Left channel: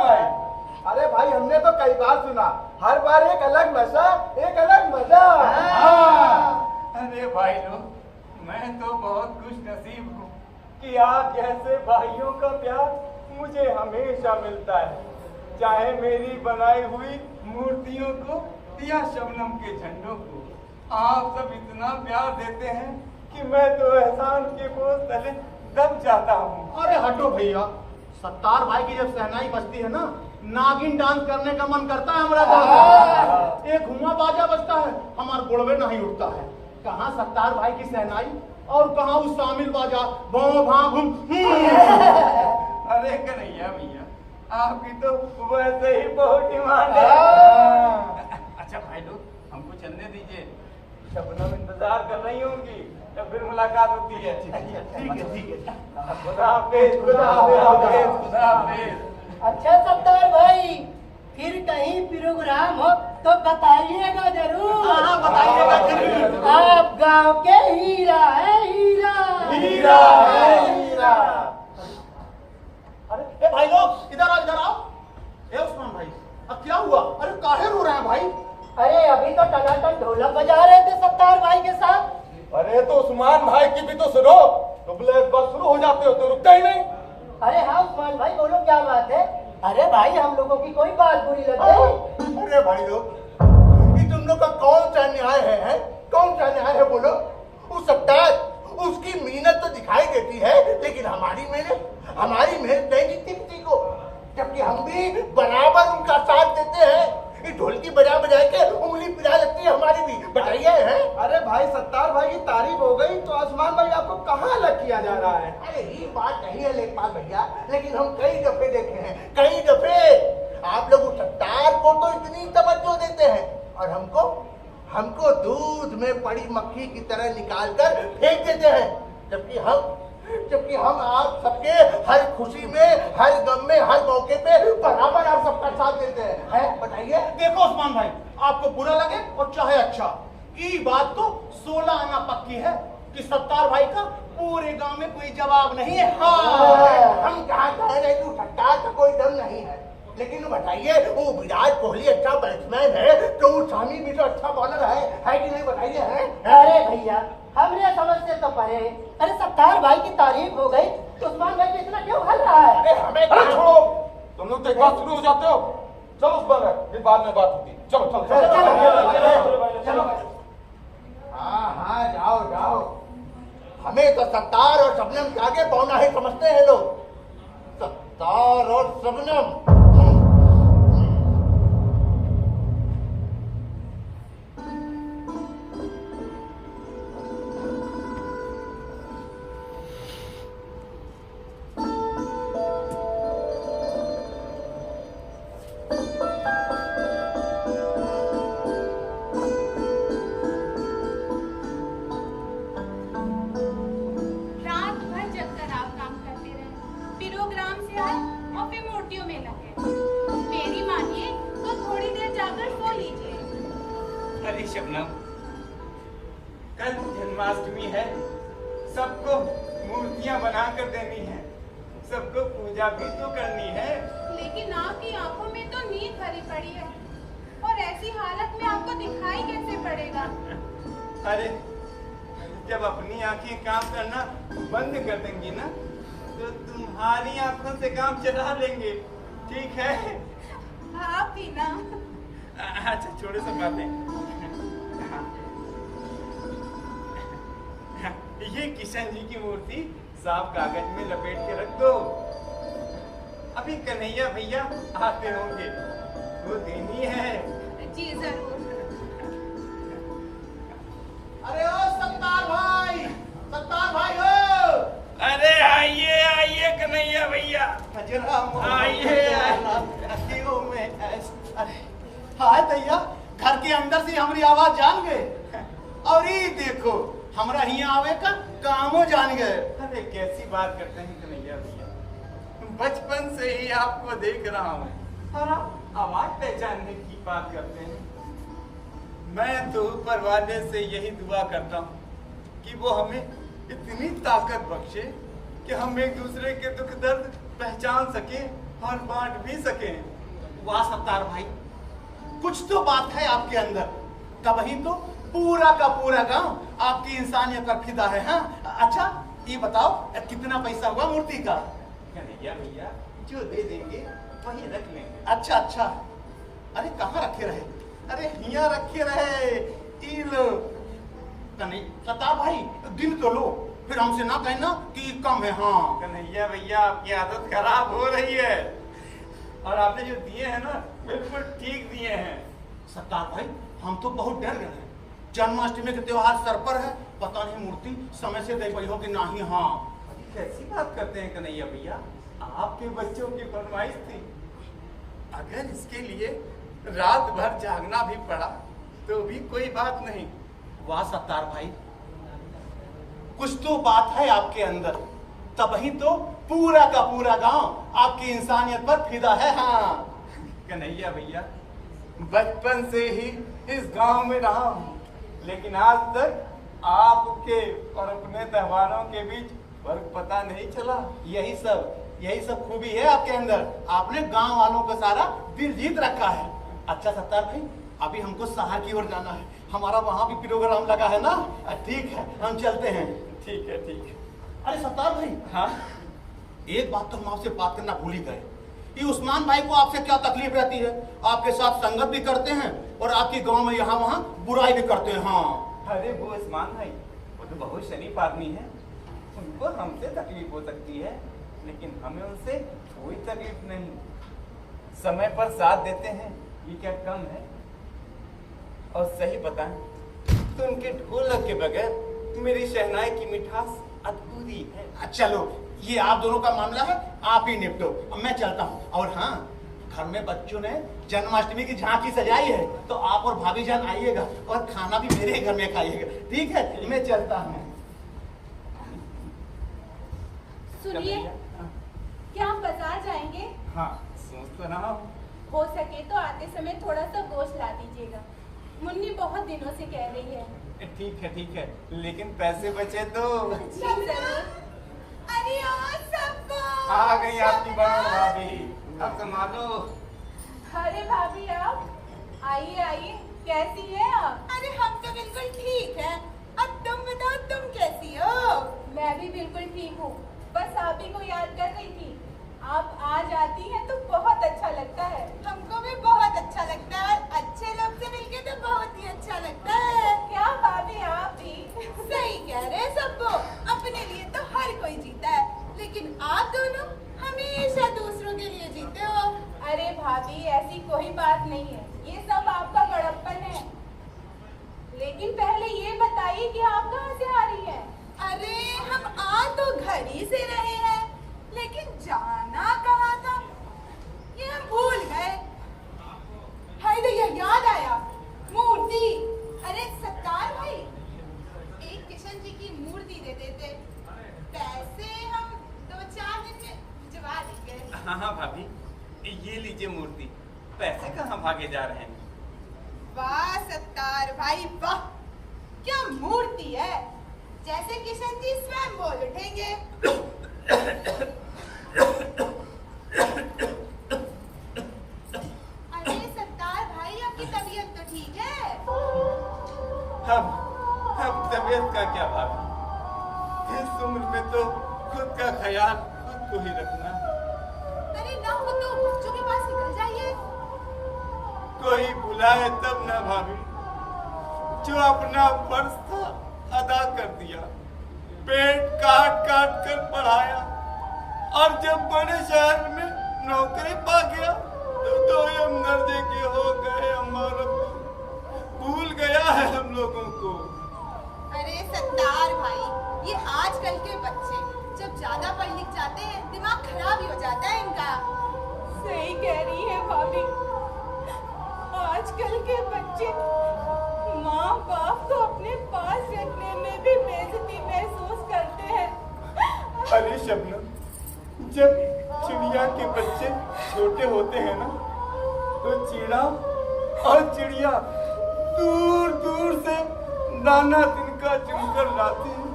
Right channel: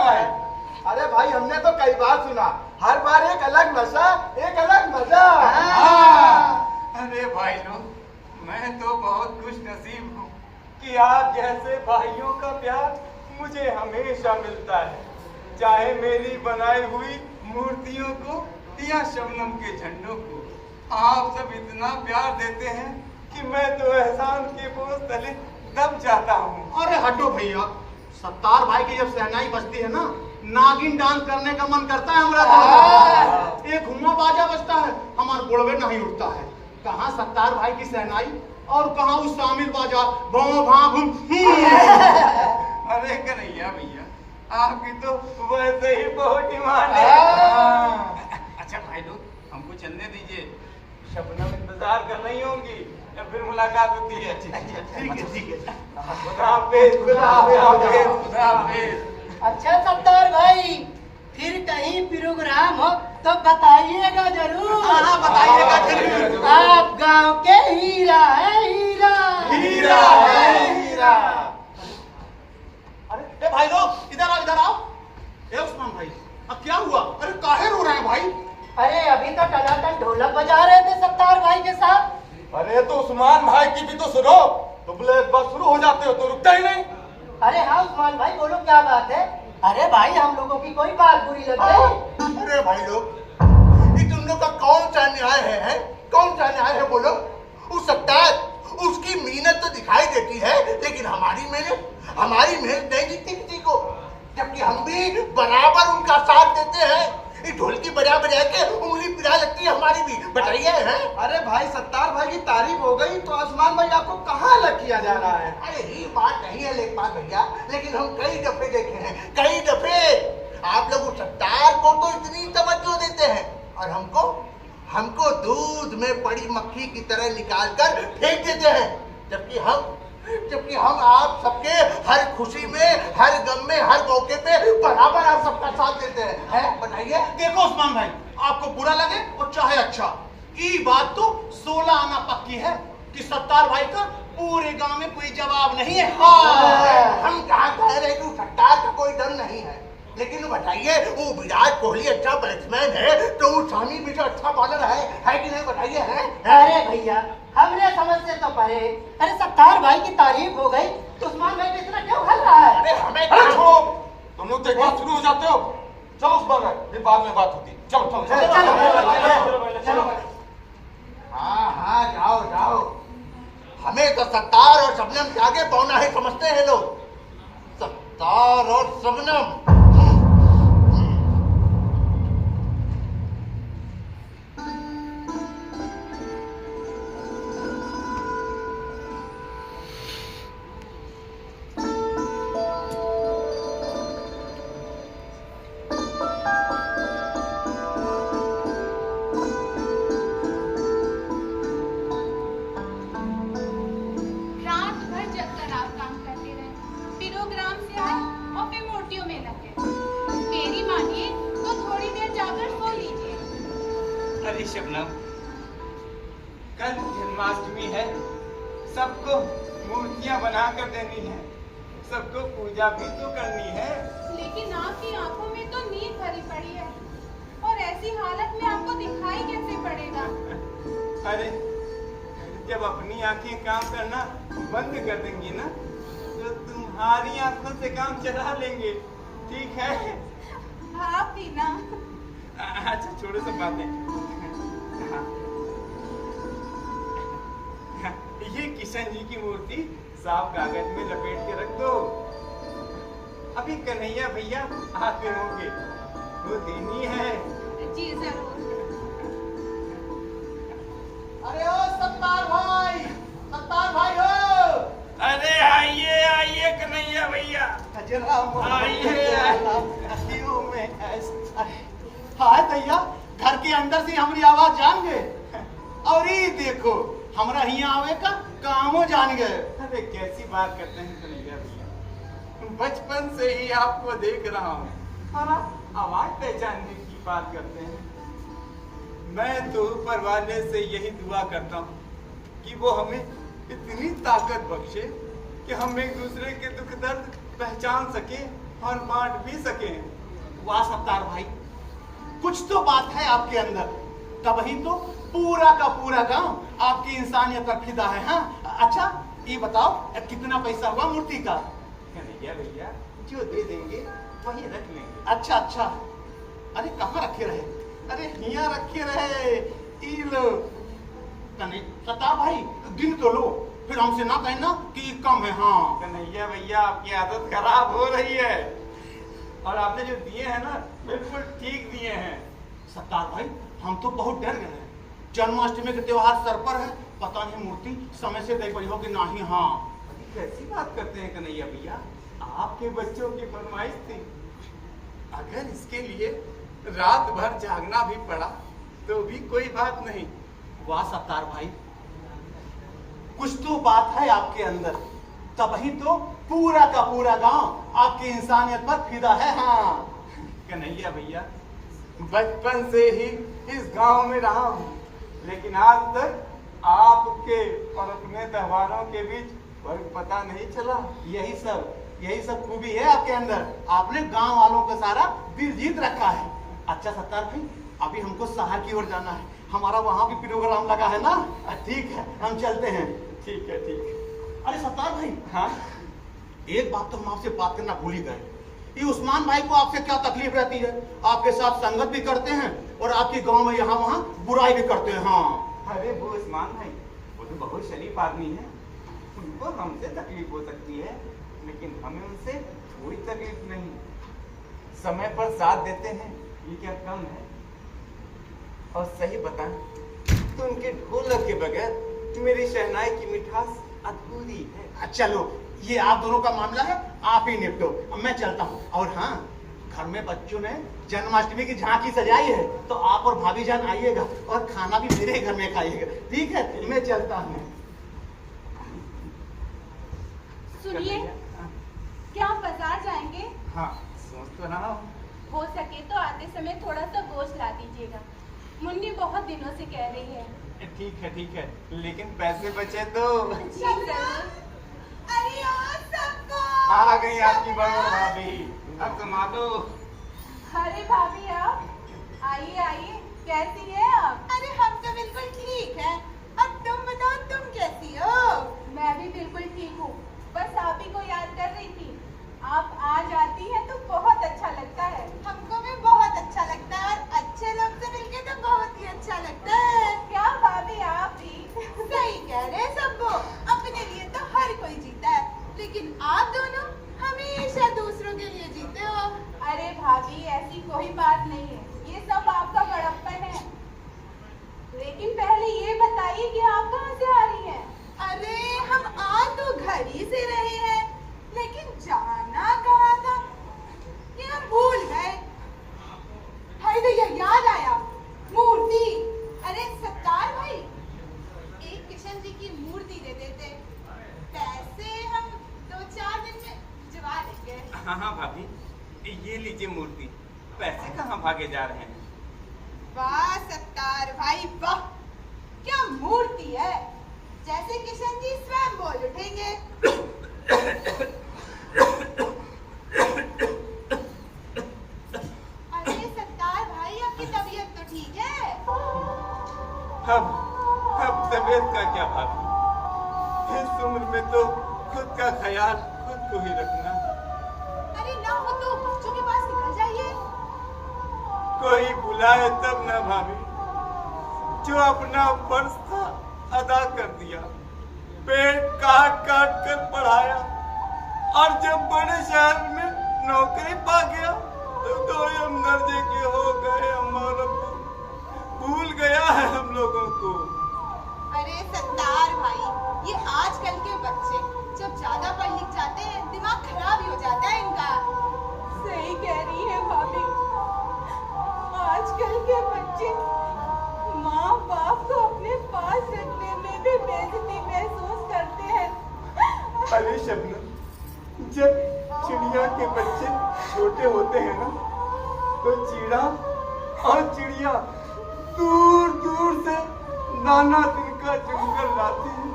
भाई? अरे भाई हमने तो कई बार सुना, हर बार एक अलग नशा, एक अलग मजा। अरे भाई लोग, मैं तो बहुत खुश नसीब हूँ कि आप जैसे भाइयों का प्यार मुझे हमेशा मिलता है, चाहे मेरी बनाई हुई मूर्तियों को या शबनम के झंडों को। आप सब इतना प्यार देते हैं कि मैं तो एहसान के बोझ तले दब जाता हूँ। अरे हटो भैया, सत्तार भाई की जब सहनाई बजती है ना, नागिन डांस करने का मन करता है हमारा। एक घुमा बाजा बजता है, हमारा गोड़वे नहीं उठता है। कहाँ सत्तार भाई की सहनाई और कहाँ उस शामिल बाजा भों भां घूम। अरे कन्हैया भैया, आपकी तो वैसे ही बहुत डिमांड है। अच्छा भाई लोग, हमको चलने दीजिए, शबनम इंतजार कर रही होंगी या फिर मुलाकात होती है। ठीक है ठीक है। खुदा हाफिज, खुदा हाफिज, खुदा हाफिज। अच्छा सत्तार भाई, फिर कहीं प्रोग्राम हो तो बताइएगा जरूर। हाँ बताइएगा जरूर। आप गांव के हीरा है, हीरा हीरा है हीरा। अरे भाई लोग इधर आओ, इधर आओ। उस्मान भाई, अब क्या हुआ? अरे काहे रो रहे हैं भाई? अरे अभी तो टनाटन ढोलक बजा रहे थे सत्तार भाई के साथ। अरे तो उस्मान भाई की भी तो सुनो, तुम एक बार शुरू हो जाते हो तो रुकता ही नहीं। अरे हाँ उस्मान भाई, बोलो क्या बात है? अरे भाई हम लोगों की कोई बात बुरी लग गई? अरे भाई लोग, ये तुम लोग का कौन सा न्याय है? कौन सा न्याय है बोलो? उस सत्तार, उसकी मेहनत तो दिखाई देती है, लेकिन हमारी मेहनत नहीं दिखती किसी को, जबकि हम भी बराबर उनका साथ देते हैं। ये ढोलकी बजा बजा के उंगली पिला लगती है हमारी भी। बताइए हैं? अरे भाई सत्तार भाई की तारीफ हो गई तो उस्मान भाई आपको कहाँ अलग किया जा रहा है? अरे ये बात नहीं है लेखपाल भैया, लेकिन हम कई दफे देखे हैं, कई दफे आप लोग उस सत्तार को तो इतनी तवज्जो देते हैं और हमको दूध में पड़ी मक्खी की तरह निकाल कर फेंक देते हैं, जबकि हम आप सबके हर खुशी में, हर गम में, हर मौके पे बराबर आप सबका साथ देते हैं। बताइए। देखो उस्मान भाई, आपको बुरा लगे और चाहे अच्छा, ये बात तो 16 आना पक्की है कि सत्तार भाई का पूरे गांव में कोई जवाब नहीं है। हाँ। हम कहाँ कह रहे कि सत्तार का कोई दम नहीं है, लेकिन बताइए, वो विराट कोहली अच्छा बैट्समैन है तो वो शामी भी तो अच्छा बॉलर है कि नहीं? बताइए हैं? अरे भैया, हमने समझ से तो परे। अरे सत्तार भाई की तारीफ हो गई तो उस्मान भाई पे इतना क्यों खल रहा है? अरे हमें छोड़ो, तुम लोग तो एक बार शुरू हो जाते हो। चलो उस्मान भाई, फिर बाद में बात होगी। चलो चलो। हाँ जाओ। हमें तो सत्तार और शबनम के आगे पौना है समझते हैं लोग। सत्तार और शबनम। अरे शबनम, कल जन्माष्टमी है, सबको मूर्तियां बना कर देनी है, सबको पूजा भी तो करनी है। लेकिन आपकी आंखों में तो नींद भरी पड़ी है और ऐसी हालत में आपको दिखाई कैसे पड़ेगा? अरे जब अपनी आंखें काम करना बंद कर देंगी ना, तो तुम्हारी आंखों से काम चला लेंगे, ठीक है? आप भी ना। अच्छा छोड़ो सब बातें। ये किशन जी की मूर्ति साफ कागज में लपेट के रख दो, अभी कन्हैया भैया आते होंगे, वो देनी है। जी जरूर। अरे ओ सत्तार भाई हो। अरे आइए कन्हैया भैया, हाय भैया, घर के अंदर से हमारी आवाज जान गए और ये देखो हमरा यहाँ आवे का कामो जान गए। अरे कैसी बात करते हैं कन्हैया भैया, बचपन से ही आपको देख रहा हूँ और आप आवाज पहचानने की बात करते हैं। मैं तो ऊपर वाले से यही दुआ करता हूँ कि वो हमें इतनी ताकत बख्शे कि हम एक दूसरे के दुख दर्द पहचान सके और बांट भी सके। वाह सत्तार भाई, कुछ तो बात है आपके अंदर, तभी तो पूरा का पूरा गांव आपकी इंसानियत पर फिदा है। हाँ अच्छा ये बताओ कितना पैसा हुआ मूर्ति का? कन्हैया भैया जो दे देंगे वही रख लेंगे। अच्छा अच्छा, अरे कहाँ रखे रहे? अरे यहाँ रखे रहे। ई लो नहीं सत्तार भाई, दिन तो लो, फिर हमसे ना कहना कि ये कम है। हाँ कन्हैया भैया आपकी आदत खराब हो रही है, और आपने जो दिए हैं ना बिल्कुल ठीक दिए हैं। सत्तार भाई हम तो बहुत डर गए हैं, जन्माष्टमी के त्योहार सर पर है, पता नहीं मूर्ति समय से दे पाई हो कि नहीं। हाँ अभी कैसी बात करते हैं कन्हैया भैया, आपके बच्चों की फरमाइश थी, अगर इसके लिए रात भर जागना भी पड़ा तो भी कोई बात नहीं। वाह सत्तार भाई, कुछ तो बात है आपके अंदर, तभी तो पूरा का पूरा गांव आपकी इंसानियत पर फिदा है। हाँ कन्हैया भैया बचपन से ही इस गांव में रहा हूँ, लेकिन आज तक आपके और अपने त्योहारों के बीच फर्क पता नहीं चला। यही सब खूबी है आपके अंदर, आपने गांव वालों का सारा दिल जीत रखा है। अच्छा सत्तार भाई, अभी हमको शहर की ओर जाना है, हमारा वहां भी प्रोग्राम लगा है ना। ठीक है हम चलते हैं। ठीक है ठीक है। अरे सत्तार भाई, हाँ एक बात तो हम आपसे बात करना भूल ही गए, ये उस्मान भाई को आपसे क्या तकलीफ रहती है? आपके साथ संगत भी करते हैं और आपके गांव में यहाँ वहाँ बुराई भी करते हैं। हाँ अरे वो उस्मान भाई वो तो बहुत शरीफ आदमी है, उनको हमसे तकलीफ हो सकती है, लेकिन हमें उनसे कोई तकलीफ नहीं। समय पर साथ देते हैं, ये क्या कम है? और सही बताएं तो उनके ढोलक के बगैर मेरी शहनाई की मिठास अधूरी है। चलो ये आप दोनों का मामला है, आप ही निपटो, अब मैं चलता हूँ। और हाँ, घर में बच्चों ने जन्माष्टमी की झांकी सजाई है, तो आप और भाभी जान आइएगा और खाना भी मेरे घर में खाइएगा। ठीक है मैं चलता हूँ। सुनिए, क्या आप बाजार जाएंगे? हाँ सोच तो रहा हूँ। हो सके तो आते समय थोड़ा सा गोश्त ला दीजिएगा, मुन्नी बहुत दिनों से कह रही है। ठीक है, लेकिन पैसे बचे तो। जी जरूर। अरे ओ सबको आ गई आपकी बड़ों भाभी, अब संभालो। अरे भाभी आप आइए आइए, कैसी है आप? अरे हम तो बिल्कुल ठीक है, अब तुम बताओ तुम कैसी हो? मैं भी बिल्कुल ठीक हूँ, बस आप ही को याद कर रही थी। आप आ जाती हैं तो बहुत अच्छा लगता है। हमको भी बहुत अच्छा लगता है, और अच्छे लोग से मिलके तो बहुत ही अच्छा लगता है। क्या भाभी आप भी? सही कह रहे हैं सबको, अपने लिए तो हर कोई जीता है, लेकिन आप दोनों हमेशा दूसरों के लिए जीते हो। अरे भाभी ऐसी कोई बात नहीं है, ये सब आपका बड़प्पन है। लेकिन पहले ये बताइए कि आप कहाँ से आ रही हैं? अरे हम आ तो घर ही से रहे हैं, लेकिन जाना कहाँ था ये हम भूल गए। हाय तो यह याद आया, मूर्ति। अरे सत्तार भाई, एक किशन जी की मूर्ति दे देते, पैसे हम 2-4 दिन में जुगा लेंगे। हाँ भाभी, ये लीजिए मूर्ति, पैसे कहाँ भागे जा रहे हैं? वाह सत्तार भाई वाह, क्या मूर्ति है, जैसे किशन जी स्वयं बोल उठेंगे। अरे सत्तार भाई आपकी तबीयत तो ठीक है? अब तबीयत का क्या भाभी, इस उम्र में तो खुद का ख्याल खुद को ही रखना। अरे ना हो तो बच्चों के पास निकल जाइए। कोई बुलाए तब ना भाभी, जो अपना फर्ज था अदा कर दिया, पेट काट काट कर पढ़ाया, और जब बड़े शहर में नौकरी पा गया तो दोयम दर्जे के हो गए। हमारा भूल गया है हम लोगों को। अरे सत्तार भाई, ये आजकल के बच्चे जब ज्यादा पढ़ लिख जाते हैं दिमाग खराब ही हो जाता है इनका। सही कह रही है भाभी, आजकल के बच्चे माँ बाप को अपने पास रखने में भी बेइज्जती महसूस करते हैं। अरे शबनम, जब चिड़िया के बच्चे छोटे होते हैं ना, तो चीड़ा और चिड़िया दूर दूर से दाना तिनका चुनकर लाते हैं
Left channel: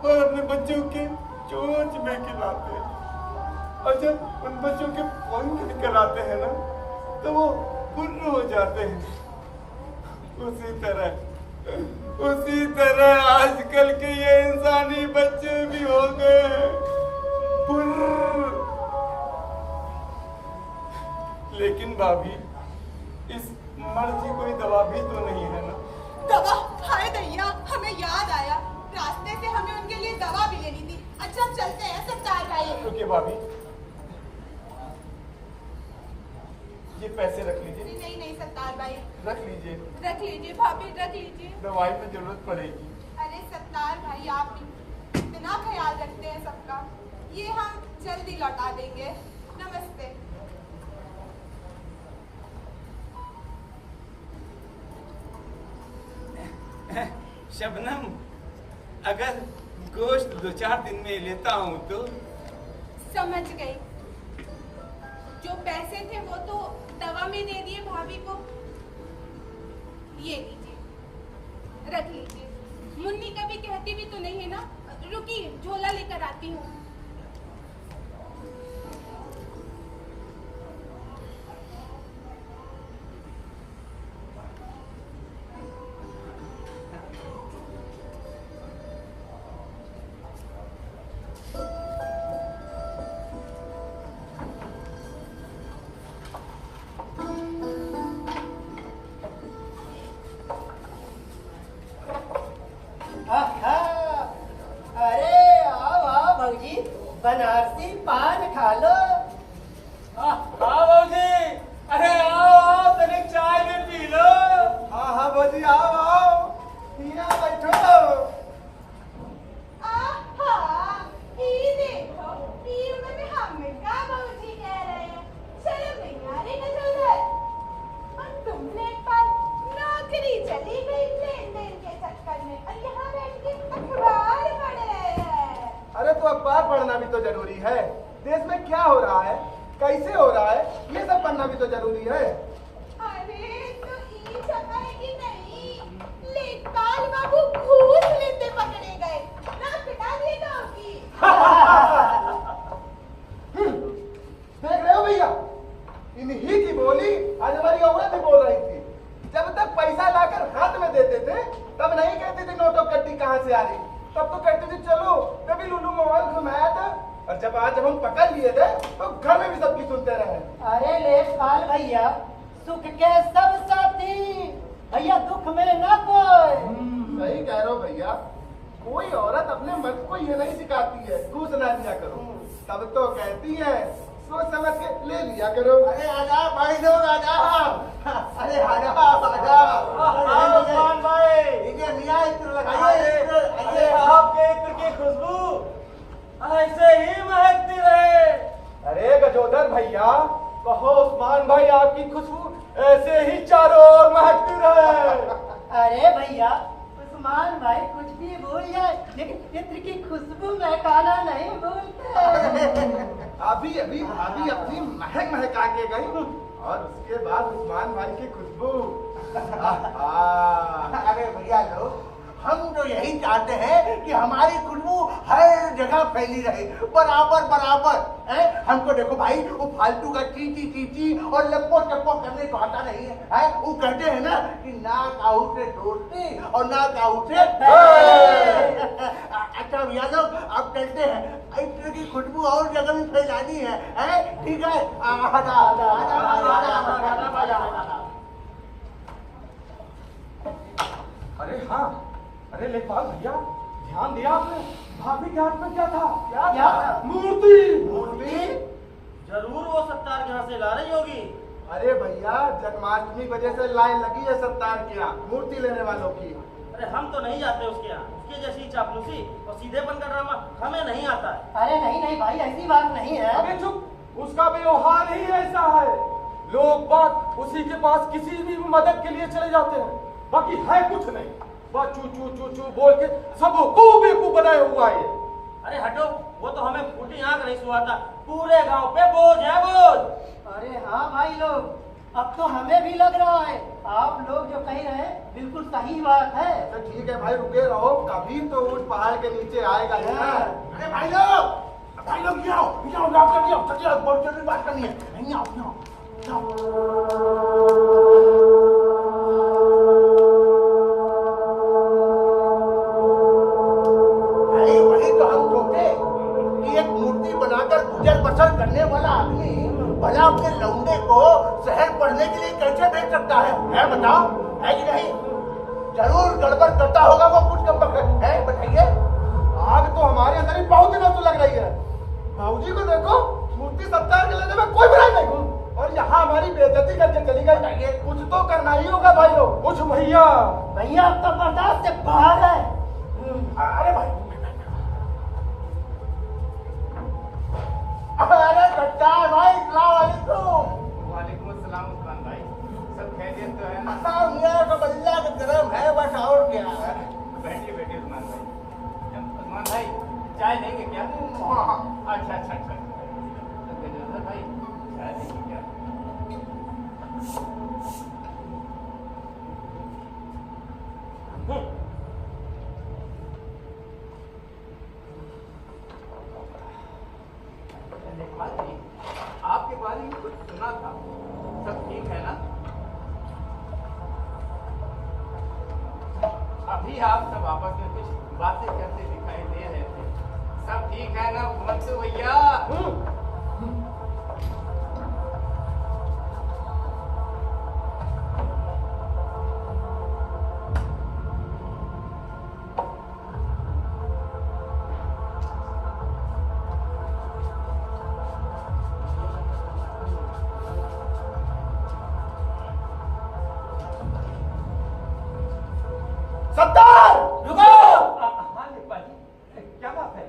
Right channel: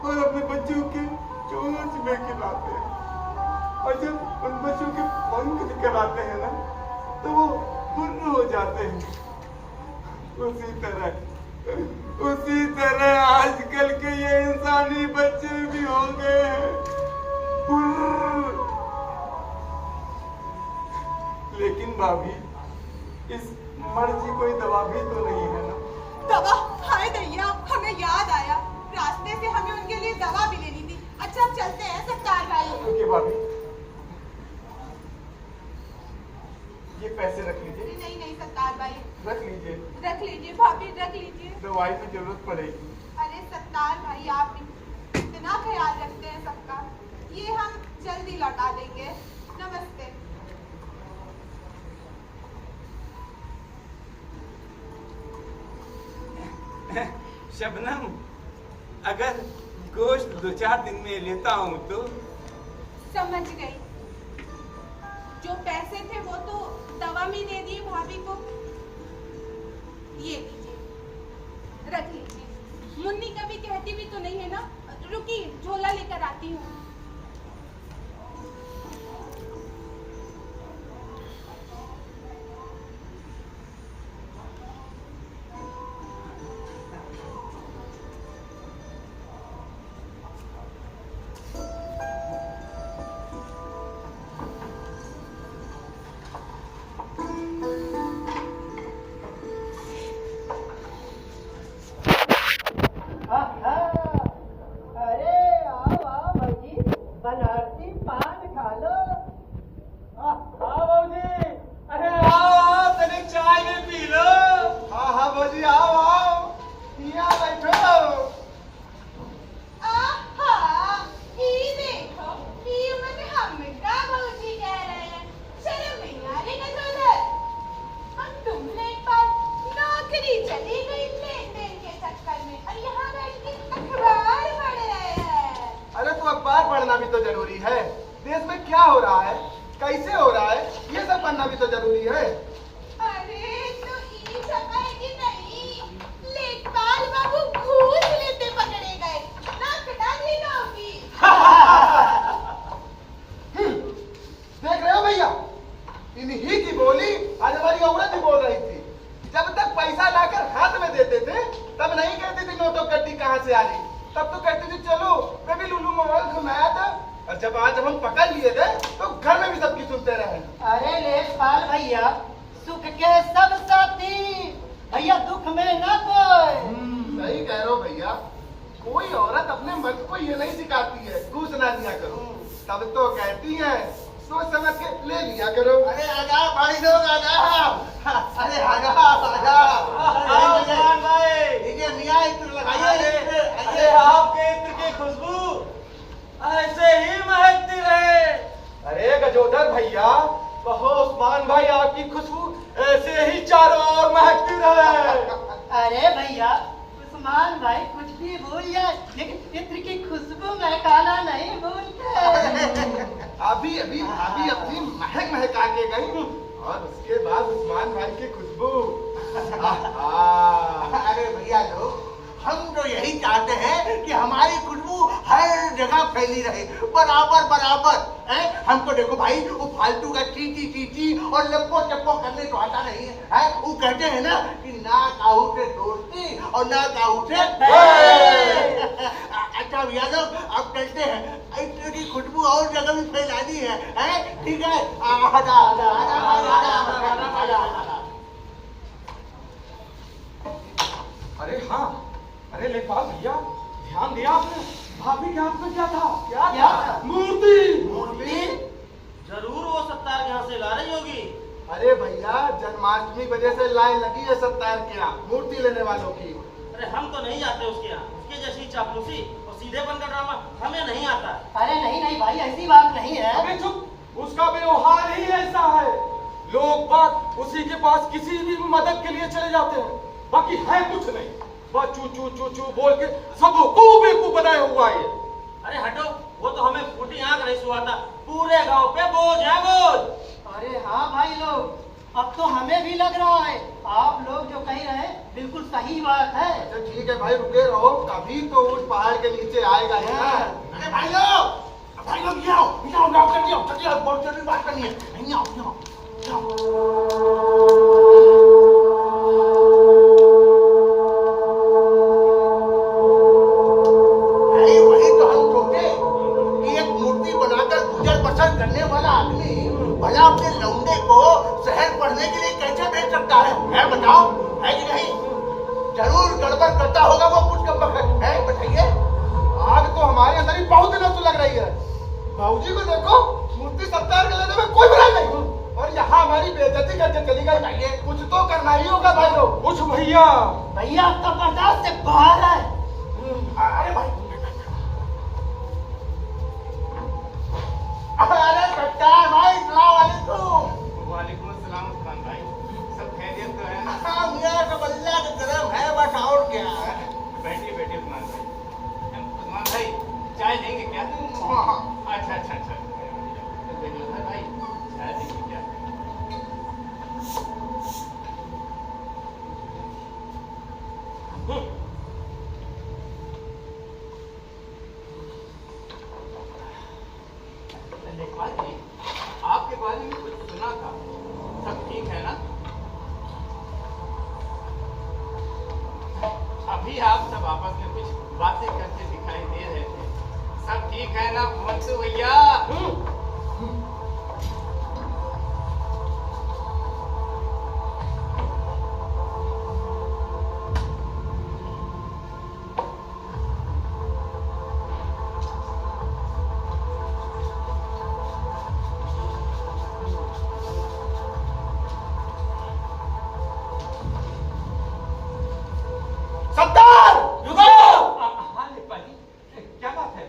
और अपने बच्चों के चोंच में खिलाते हैं। और जब उन बच्चों के पंख निकल आते हैं ना तो वो फुर्र हो जाते हैं। उसी तरह आजकल के ये इंसानी बच्चे भी हो गए हैं फुर्र। लेकिन भाभी, इस मर्ज की कोई दवा भी तो नहीं है ना? दवा? हाय दैया, हमें याद आया, रास्ते से हमें उनके लिए दवा भी लेनी थी। अच्छा अब चलते हैं सत्तार भाई। रुकिए भाभी, ये पैसे रख लीजिए। नहीं नहीं सत्तार भाई, रख लीजिए, रख लीजिए भाभी, रख लीजिए। दवाई में जरूरत पड़ेगी। अरे सत्तार भाई, आप इतना ख्याल रखते हैं सबका, ये हम जल्दी लौटा देंगे। नमस्ते। शबनम, अगर गोश्त 2-4 दिन में लेता हूँ तो? समझ गई। जो पैसे थे वो तो दवा में दे दिए भाभी को। ये लीजिए, रख लीजिए। मुन्नी कभी कहती भी तो नहीं है ना। रुकिए, झोला लेकर आती हूँ। अरे आओ आओ भौजी, बनारसी पान खा लो। हाँ भाजी, अरे आओ तनिक चाय में पी लो। हाँ हाँ भौजी, आओ आओ, यहाँ बैठो। आहा, ये देखो, ये मन हमका भौजी कह रहे हैं। शर्म नहीं आ रही ना तुझे? हम तुमने एक बार नौकरी चली गई लेन-देन के चक्कर में, और यहाँ बैठ के अखबार पढ़ रहे हैं। अरे तो अखबार पढ़ना भी तो जरूरी है। देश में क्या हो रहा है, कैसे हो रहा है, ये सब पढ़ना भी तो जरूरी है। अरे तो ये छपा है कि नहीं? लेखपाल बाबू घूस लेते पकड़े गए, ना पिटा दी नौकरी। देख रहे हो भैया, इन्हीं की बोली आज हमारी औरत भी बोल रही थी। जब तक पैसा लाकर हाथ में देते थे तब नहीं कहती थी नोटों कट्टी कहाँ से आ रही, तब तो कहती थी चलो बेबी लुलू मोबाइल घुमाया था। और जब आज हम पकड़ लिए थे तो घर में भी सबकी सुनते रहे। अरे लेखपाल भैया, सुख के सब साथी, भैया दुख में न कोई। सही कह रहे हो भैया, कोई औरत अपने मर्द को ये नहीं सिखाती है घूस ना दिया करो, तब तो कहती है सोच समझ के ले लिया करो। अरे आजा भाई लोग, आजा। अरे आजा आजा। उस्मान भाई, ये मियाँ इत्र लगाइए। अरे आपके इत्र की खुशबू ऐसे ही महकती रहे। अरे गजोदर भैया, कहो उस्मान भाई आपकी खुशबू ऐसे ही चारों ओर महकती रहे। अरे भैया, उस्मान भाई कुछ भी भूल जाए लेकिन इत्र की खुशबू महकाना नहीं भूलते। अभी अभी भाभी अपनी महक महका के गई और उसके बाद उस्मान भाई की खुशबू। अरे भैया लोग, हम तो यही चाहते हैं कि हमारी खुशबू हर जगह फैली रहे, बराबर बराबर। हमको देखो भाई, वो फालतू का चीची चीची और लप्पो चप्पो करने तो आता नहीं है। वो कहते हैं ना कि ना काहू से दोस्ती और ना काहू से अच्छा भैया लोग, अब चलते हैं। इत्र की खुशबू और जगह भी फैलानी है, ठीक है? आजा आजा आजा आजा। अरे हाँ, अरे लेखपाल भैया, ध्यान दिया आपने? भाभी के हाथ में क्या था? क्या था? मूर्ति। मूर्ति? जरूर वो सत्तार के यहाँ से ला रही होगी। अरे भैया, जन्माष्टमी वजह से लाइन लगी है सत्तार के यहाँ मूर्ति लेने वालों की। अरे हम तो नहीं जाते उसके यहाँ, उसके जैसी चापलूसी और सीधेपन का ड्रामा हमें नहीं आता है। अरे नहीं नहीं भाई, ऐसी बात नहीं है। अबे चुप, उसका व्यवहार ही ऐसा है। लोग बात उसी के पास किसी भी मदद के लिए चले जाते हैं, बाकी है कुछ नहीं, बस चू चू चू चू बोल के सबको बेवकूफ बनाया हुआ है। अरे हटो, वो तो हमें फूटी आंख नहीं सुहाता, पूरे गांव पे बोझ है बोझ। अरे हाँ भाई लोग, अब तो हमें भी लग रहा है आप लोग जो कह रहे हैं बिल्कुल सही बात है। अच्छा ठीक है भाई, रुके रहो, कभी तो उस पहाड़ के नीचे आएगा ही ना। अरे भाई लोग, भाई लोग ये आओ डॉक्टर जी आओ, जल्दी आओ, बहुत जल्दी बात करनी है। नहीं आओ, आओ, वही तो हम सोचे कि एक मूर्ति बनाकर गुजर बसर करने वाला आदमी भला अपने लौंडे को शहर पढ़ने के लिए कैसे भेज सकता है बताओ, है कि नहीं? जरूर गड़बड़ करता होगा वो, कुछ कम है, बताइए। आग तो हमारे अंदर ही बहुत दिनों से लग रही है। बाबूजी को देखो, मूर्ति सत्कार के लेने में कोई बुराई नहीं, और यहाँ हमारी बेइज्जती करके चली गई। बताइए, कुछ तो करना ही होगा भाई लोग। कुछ भैया अब तो बर्दाश्त से बाहर है। अरे भाई, अरे सत्कार भाई, सलाम अलैकुम। वालेकुम अस्सलाम उस्मान भाई, सब खैरियत तो है ना? मेरा सब अल्लाह का करम है, बस और क्या। बैठिए बैठिए उस्मान भाई, चाय लेंगे क्या? अच्छा अच्छा अच्छा, तो गजोधर भाई चाय लेंगे क्या? लेखपाल जी, आपके बारे में कुछ सुना था, सब ठीक है ना? अभी आप सब आपस में कुछ बातें करते दिखाई दे रहे थे, सब ठीक है ना मंसू भैया? सत्तार, रुको। हाँ लेखपाल जी, क्या बात है?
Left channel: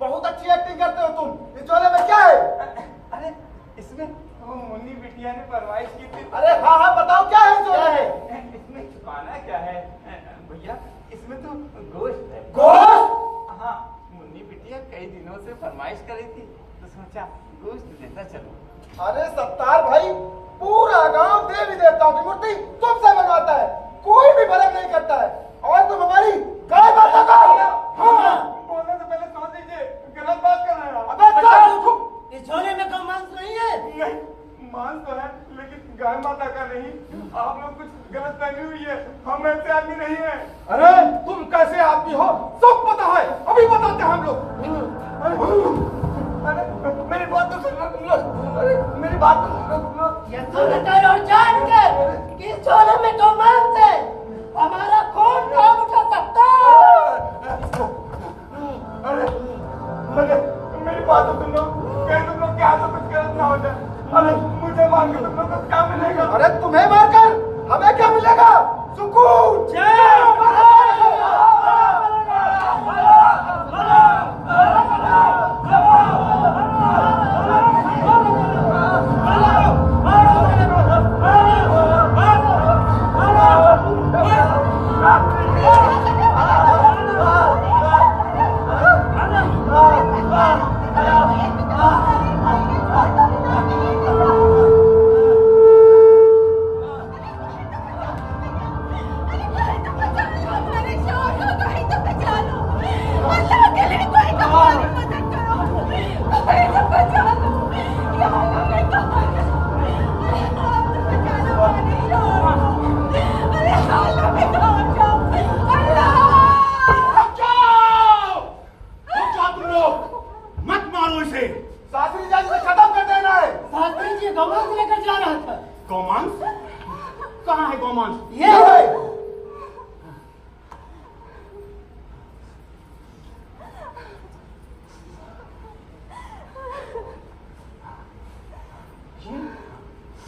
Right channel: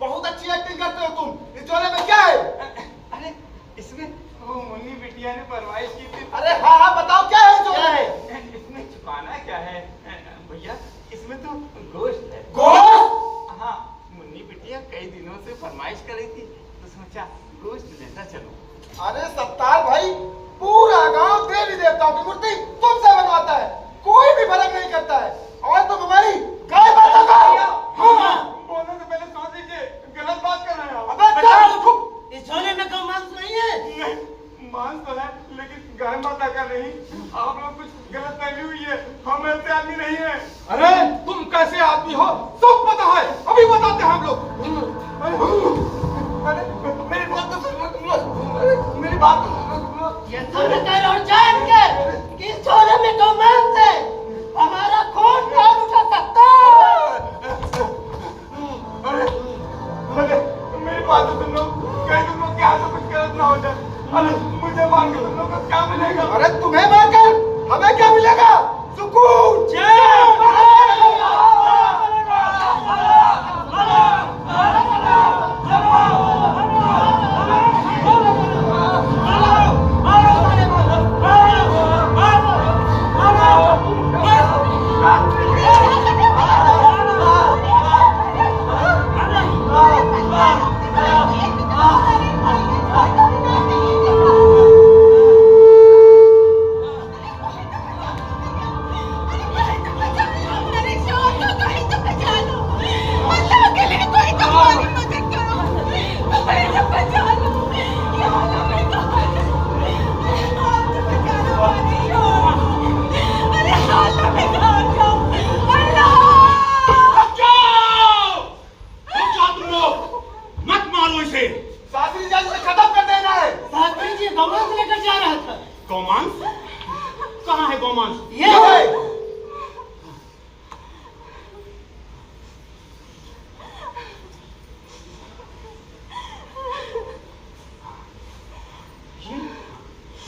बहुत अच्छी एक्टिंग करते हो तुम। इस झोले में क्या है? अरे इसमें वो मुन्नी बिटिया ने फरमाइश की थी। अरे हाँ हाँ, बताओ क्या है झोले में? इसमें छुपाना क्या है भैया? इसमें तो गोश्त है। गोश्त? हाँ, मुन्नी बिटिया कई दिनों से फरमाइश कर रही थी, तो सोचा गोश्त लेता चलो। अरे सत्तार भाई, पूरा गांव देवी देवताओं की मूर्ति तुमसे बनवाता है, कोई भी फर्क नहीं करता है, और तुम हमारी गाय माता का। हाँ, बोलने से पहले सोच लीजिए, गलत बात कर रहे हो। अबे चुप। इस झोले में कोई मांस नहीं है। नहीं, मान तो है, लेकिन गाय माता का नहीं। आप लोग कुछ गलत फहमी हुई है, हम ऐसे आदमी नहीं है। अरे तुम कैसे आदमी हो सब पता है, अभी बताते हैं हम लोग। अरे मेरी बात तो सुनो तुम लोग, अरे मेरी बात तो सुनो तुम लोग। ये सुनकर और जान कर कि इस झोले में कोई मांस है, हमारा खून कौन उठा सकता है? अरे मेरी बात तो सुन लो, कहीं तुम लोग के हाथ से कुछ गलत ना हो जाए। अरे मुझे मान के तुम लोग को क्या मिलेगा? अरे तुम्हें मारकर हमें क्या मिलेगा? सुकून। कहाँ है गोमांस? ये है।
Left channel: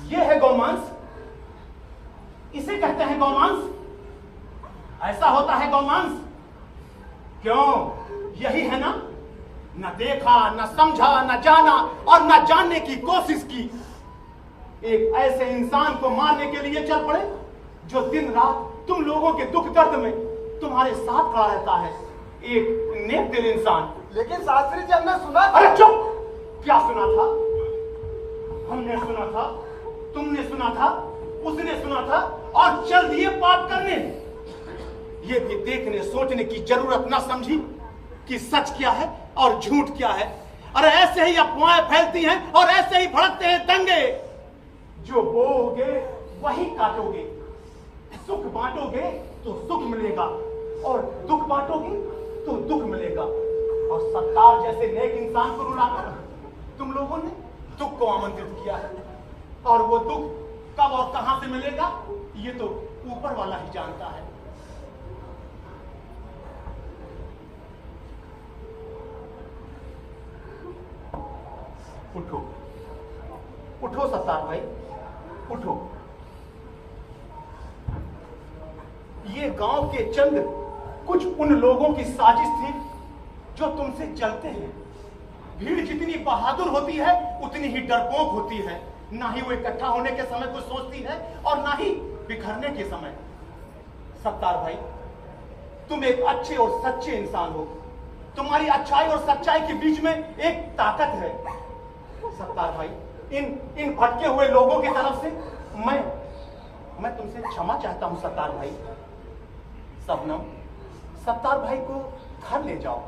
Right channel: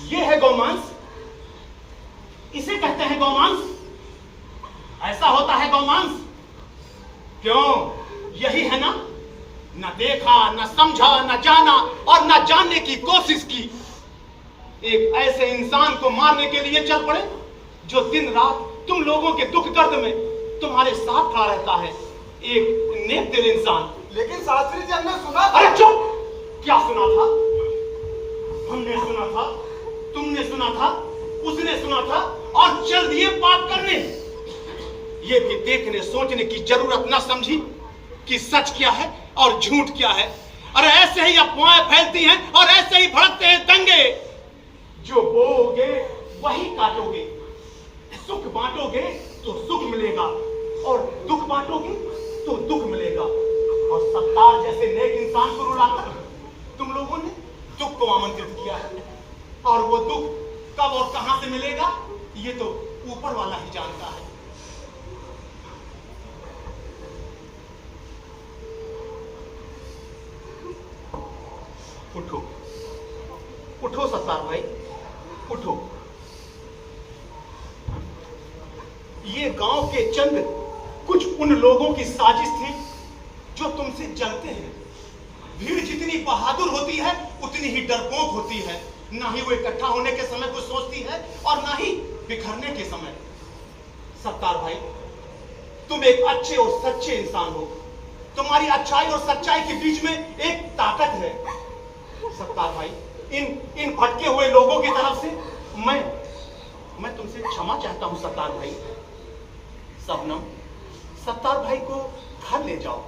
ये है गोमांस, इसे कहते हैं गोमांस। ऐसा होता है गोमांस। क्यों, यही है ना? न देखा, न समझा, न जाना और न जानने की कोशिश की। एक ऐसे इंसान को मारने के लिए चल पड़े जो दिन रात तुम लोगों के दुख दर्द में तुम्हारे साथ खड़ा रहता है। एक नेक दिल इंसान। लेकिन शास्त्री जी, हमने सुना था। अरे चुप! क्या सुना था? हमने सुना था, तुमने सुना था, उसने सुना था और चल दिए पाप करने। ये भी देखने सोचने की जरूरत न समझी कि सच क्या है और झूठ क्या है। अरे ऐसे ही अफवाहें फैलती हैं और ऐसे ही भड़कते हैं दंगे। जो बोओगे वही काटोगे, सुख बांटोगे तो सुख मिलेगा और दुख बांटोगे तो दुख मिलेगा। और सत्तार जैसे नेक इंसान को रुलाकर तुम लोगों ने दुख को आमंत्रित किया है, और वो दुख कब और कहां से मिलेगा ये तो ऊपर वाला ही जानता है। उठो उठो सत्तार भाई, उठो। ये गांव के चंद कुछ उन लोगों की साजिश थी जो तुमसे जलते हैं। भीड़ जितनी बहादुर होती है उतनी ही डरपोक होती है। ना ही वो इकट्ठा होने के समय कुछ सोचती है और ना ही बिखरने के समय। सत्तार भाई, तुम एक अच्छे और सच्चे इंसान हो। तुम्हारी अच्छाई और सच्चाई के बीच में एक ताकत है। सत्तार भाई, इन भटके हुए लोगों की तरफ से मैं तुमसे क्षमा चाहता हूं सत्तार भाई। सबनम, सत्तार भाई को घर ले जाओ।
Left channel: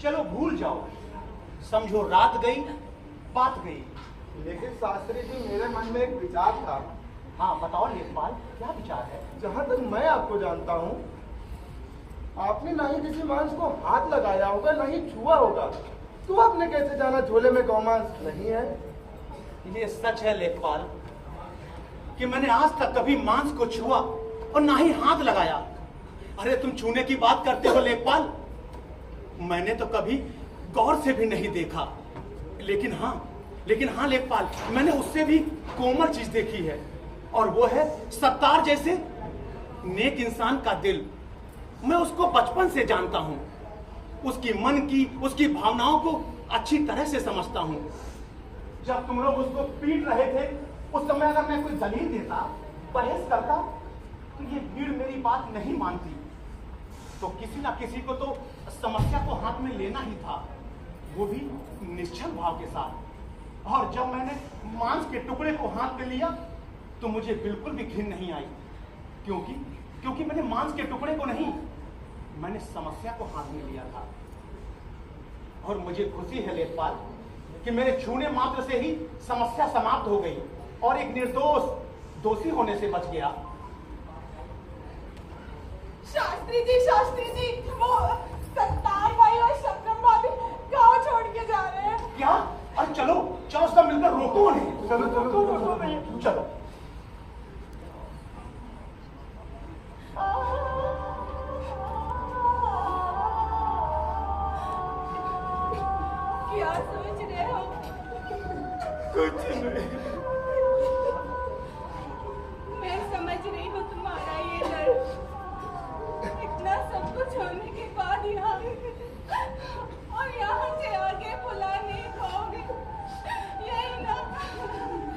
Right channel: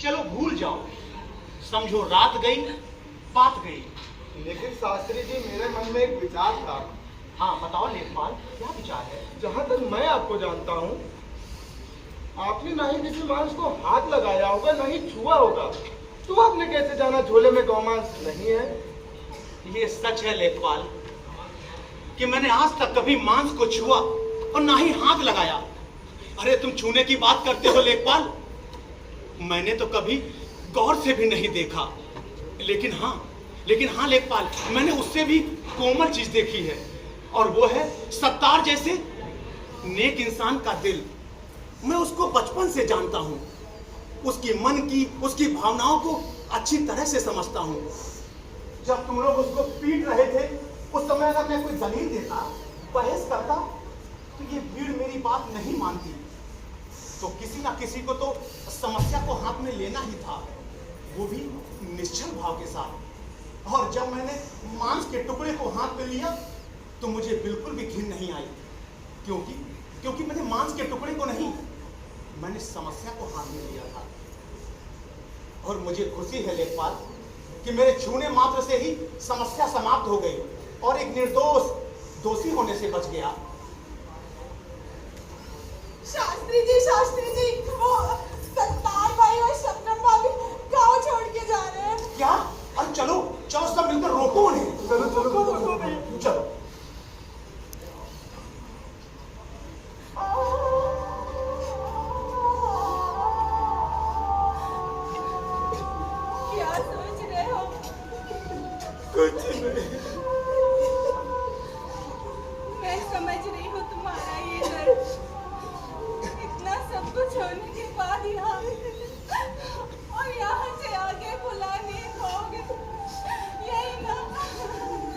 चलो भूल जाओ। समझो रात गई बात गई। लेकिन शास्त्री जी, मेरे मन में एक विचार था। हाँ बताओ लेखपाल, क्या विचार है? जहाँ तक मैं आपको जानता हूँ, आपने ना ही किसी मांस को हाथ लगाया होगा, ना ही छुआ होगा, तो आपने कैसे जाना झोले में गौमांस नहीं है? ये सच है लेखपाल कि मैंने आज तक कभी मांस को छुआ और ना ही हाथ लगाया। अरे तुम छूने की बात करते हो लेखपाल, मैंने तो कभी गौर से भी नहीं देखा। लेकिन हाँ लेखपाल, मैंने उससे भी कोमल चीज देखी है, और वो है सत्तार जैसे नेक इंसान का दिल। मैं उसको बचपन से जानता हूँ। उसकी मन की, उसकी भावनाओं को अच्छी तरह से समझता हूँ। जब तुम लोग उसको पीट रहे थे, उस समय अगर मैं कोई दलील देता, बहस करता, तो ये भीड़ मेरी बात नहीं मानती। तो किसी ना किसी को तो समस्या को हाथ में लेना ही था, वो भी निश्चल भाव के साथ। और जब मैंने मांस के टुकड़े को हाथ में लिया तो मुझे बिल्कुल भी घिन नहीं आई, क्योंकि मैंने मांस के टुकड़े को नहीं, मैंने समस्या को हाथ में लिया था। और मुझे खुशी है लेखपाल कि मेरे छूने मात्र से ही समस्या समाप्त हो गई और एक निर्दोष दोषी होने से बच गया। शास्त्री जी, वो सत्तार भाई और शबनम भाभी गाँव छोड़ के जा रहे हैं। क्या? अरे चलो सब मिलकर रोको उन्हें। चलो। क्या सोच रहे हो? कुछ नहीं। मैं समझ रही हूँ तुम्हारा ये दर्द। इतना सब कुछ होने के बाद यहाँ और यहाँ से आगे बुला नहीं पाओगे, यही ना?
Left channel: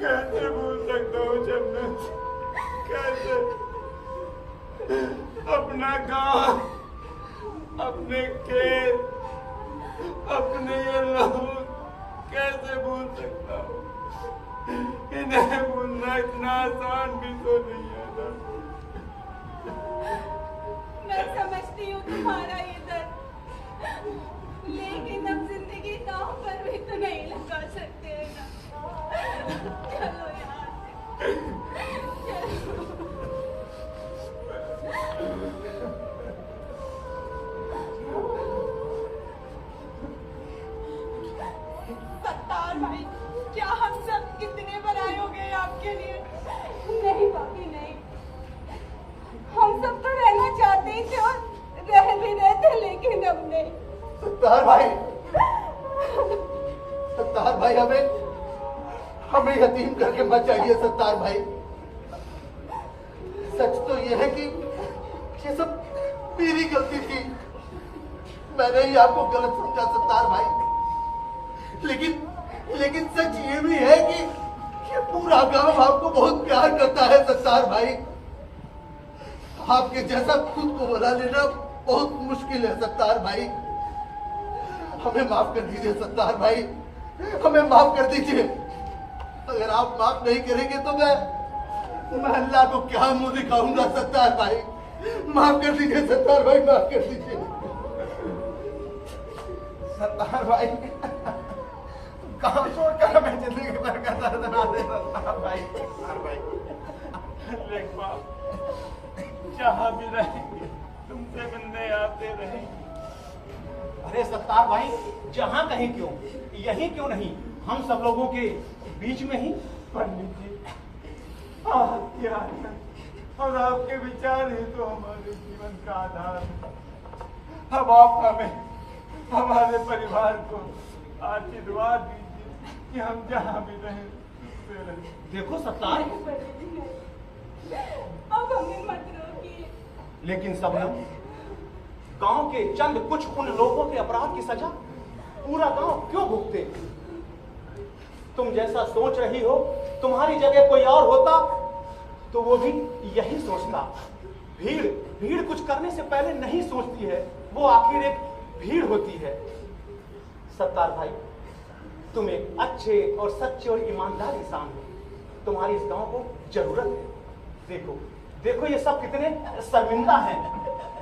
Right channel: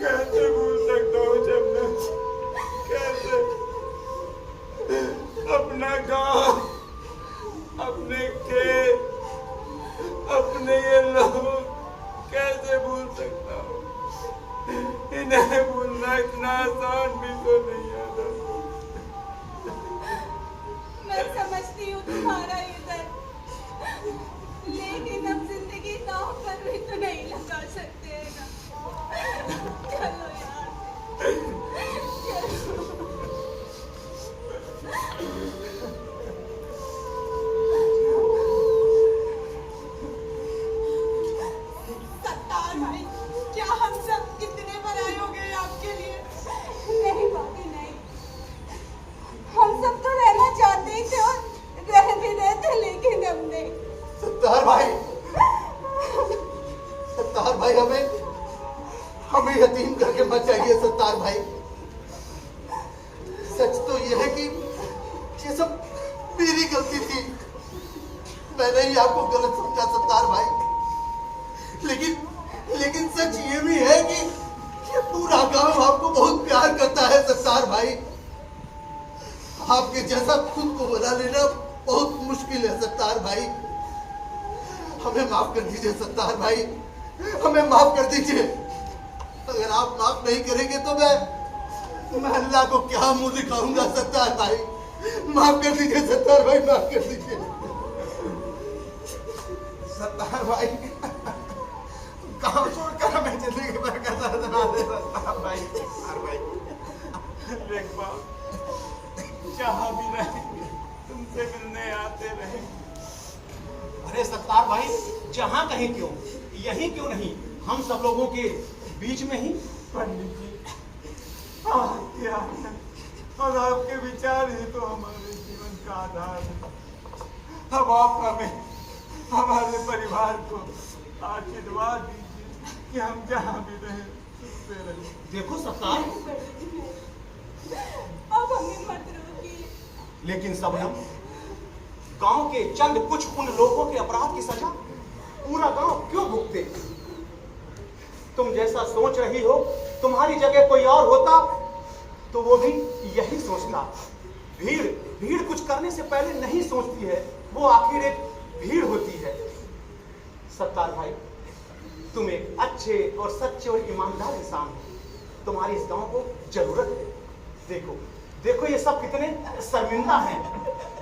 कैसे भूल सकता हूँ शबनम? कैसे? अपना गांव, अपने खेत, अपने ये लोग कैसे भूल सकता हूँ? इन्हें भूलना इतना आसान भी तो नहीं होता। मैं समझती हूँ तुम्हारा ये दर्द, लेकिन अब जिंदगी दांव पर भी तो नहीं लगा सकते हैं ना। चलो यार, चलो। सत्तार भाई, क्या हम सब कितने बड़ाई हो गए आपके लिए? नहीं भाभी, नहीं। हम सब तो रहना चाहते ही थे और रह भी रहे थे, लेकिन अब नहीं। सत्तार भाई, हमें यतीम करके मत जाइए सत्तार भाई। सच तो यह है कि ये सब मेरी गलती थी। मैंने ही आपको गलत समझा सत्तार भाई। लेकिन सच ये भी है कि पूरा गांव आपको बहुत प्यार करता है सत्तार भाई। आपके जैसा खुद को बुला लेना बहुत मुश्किल है सत्तार भाई। हमें माफ कर दीजिए सत्तार भाई, हमें माफ कर दीजिए। अगर आप माफ नहीं करेंगे तो मैं अल्लाह को क्या मुंह दिखाऊंगा सत्तार भाई। माफ कर दीजिए सत्तार भाई, माफ कर दीजिए सत्तार भाई। काम छोड़कर हमें जिंदगी भर का दर्द ना दे सत्तार भाई। सत्तार भाई लेखपाल, जहाँ भी रहेंगे तुमसे मिलने आते रहे। अरे सत्तार भाई, जहां कहीं क्यों, यहीं क्यों नहीं, हम सब लोगों के बीच में ही। पंडित जी, क्या है? और आपके विचार ही तो हमारे जीवन का आधार है। अब आप हमें, हमारे परिवार को आशीर्वाद दीजिए कि हम जहाँ भी रहें सुखसे रहें। देखो सत्तार, अब हमें मत रोकिए। लेकिन सबनम, गांव के चंद कुछ उन लोगों के अपराध की सजा पूरा गांव क्यों भुगते? तुम जैसा सोच रही हो, तुम्हारी जगह कोई और होता तो वो भी यही सोचता। भीड़ कुछ करने से पहले नहीं सोचती है, वो आखिर एक भीड़ होती है। सत्तार भाई, तुम एक अच्छे और सच्चे और ईमानदार इंसान हो, तुम्हारी इस गांव को जरूरत है। देखो ये सब कितने शर्मिंदा हैं।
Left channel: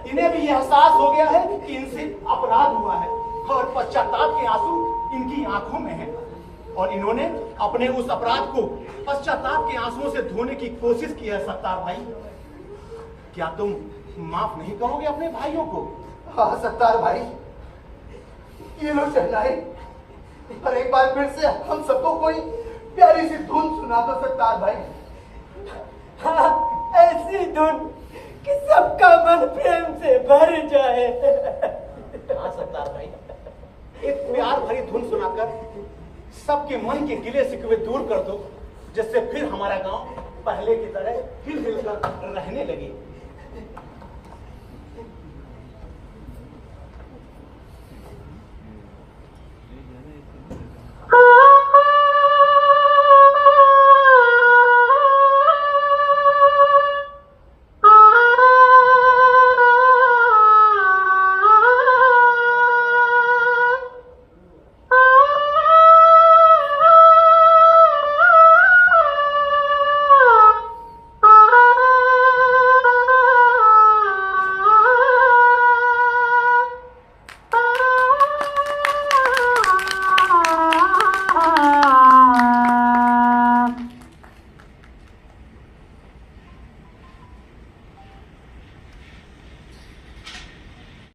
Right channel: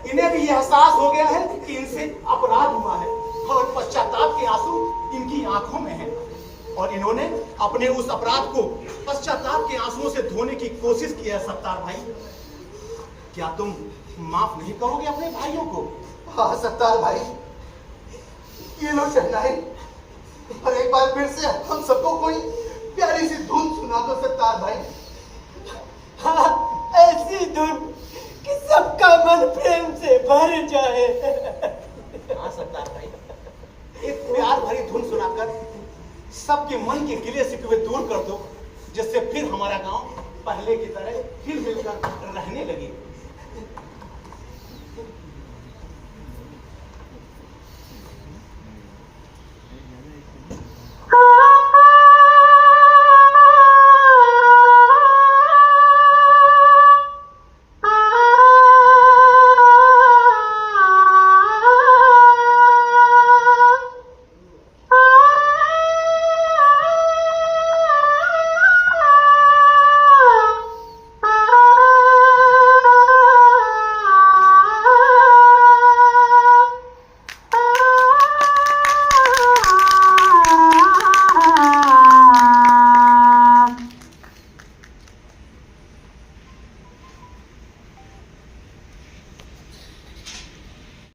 इन्हें भी यह एहसास हो गया है कि इनसे अपराध हुआ है और पश्चाताप के आंसू इनकी आंखों में हैं, और इन्होंने अपने उस अपराध को पश्चाताप के आंसुओं से धोने की कोशिश की है। सत्तार भाई, क्या तुम माफ नहीं करोगे अपने भाइयों को? हाँ सत्तार भाई, ये लो शहनाई, और एक बार फिर से हम सबको कोई प्यारी सी धुन सुना दो सत्तार भाई। हाँ, ऐसी धुन कि सबका मन प्रेम से भर जाए। हाँ सत्तार भाई, एक प्यार भरी धुन सुनाकर सबके मन के गिले शिकवे दूर कर दो, जिससे फिर हमारा गांव पहले की तरह हिल मिलकर रहने लगे।